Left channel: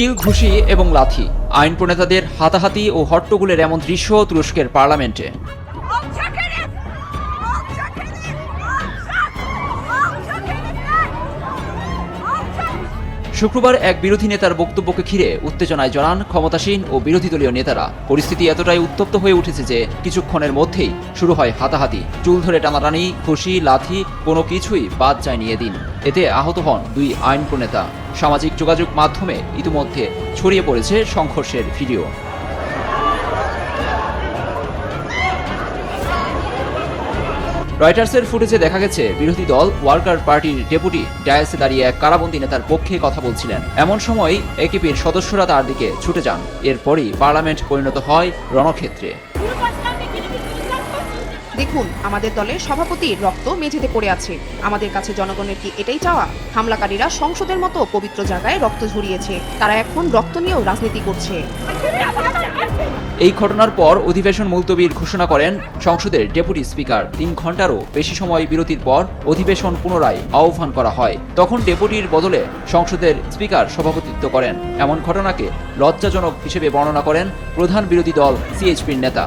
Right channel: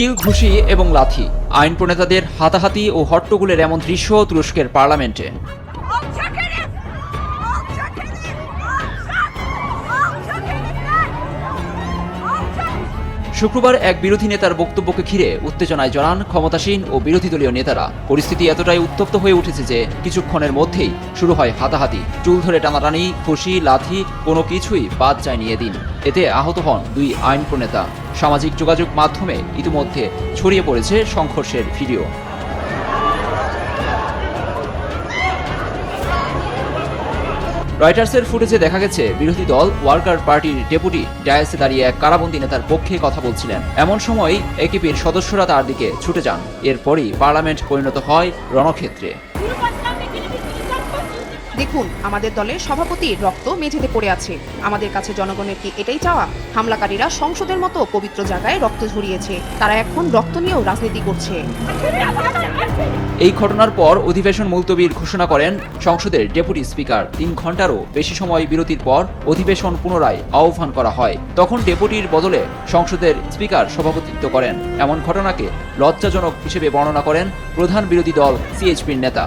কিল ঘুষি এবং লাথি। আইন প্রণেতাদের হাতাহাতি ও হট্টগোলের এমন দৃশ্য তুরস্কের পার্লামেন্টে। শুক্রবার এক বিরোধী নেতার বক্তব্যকে ঘিরে উত্তেজনায় জড়ান ক্ষমতাসীন ও বিরোধী দলীয় নেতারা। পরিস্থিতি এতটাই উত্তপ্ত হয়ে উঠেছে যে কিছুক্ষণের মধ্যেই শুরু হয় হাতাহাতি। চুল ধরে টানাটানি, খসি, লাথি, কোনো কিছুই বাদ যায়নি এদিন। এতে আহত হন দুই আইন প্রণেতা সামাজিক যোগাযোগ মাধ্যমে ইতিমধ্যে ছড়িয়ে পড়েছে সংঘর্ষের ভিডিও। রয়টার্সের ফুটেজে দেখা গেছে, বিরোধী দল ওয়ার্কার পার্টির ডেপুটি ডায়াসে দাঁড়িয়ে এক কারাবন্দী নেতার পক্ষে কথা বলছিলেন। এমন সময় একিপের সদস্যরা তার দিকে ছুটে যান। এরপরই পার্লামেন্ট পরিণত হয় রণক্ষেত্রে। দেখুন, আমাদের দলের সভাপতির রক্ত মেঝেতে পড়ে আছে। আমাদের কাছে জনগণের কি এটাই চাওয়া? হামলাকারীরা সংসদের মতো পবিত্র জায়গায় রক্ত ঝরিয়েছে। তারা এখন রক্ত নিয়েও রাজনীতি করছে। এই ঘটনার পর অধিবেশন মুলতবির ঘোষণা করেন সংসদের ডেপুটি স্পিকার। তিন ঘন্টারও বেশি সময় বিরতির পর অধিবেশন পুনরায় আহ্বান করা হয়। তখন ডেপুটির বদলে সংসদের স্পিকার সভাপতিত্ব করেন। এমন ঘটনাকে লজ্জাজনক হিসেবে বর্ণনা করেন প্রধান বিরোধী দল সিএইচপির নেতা।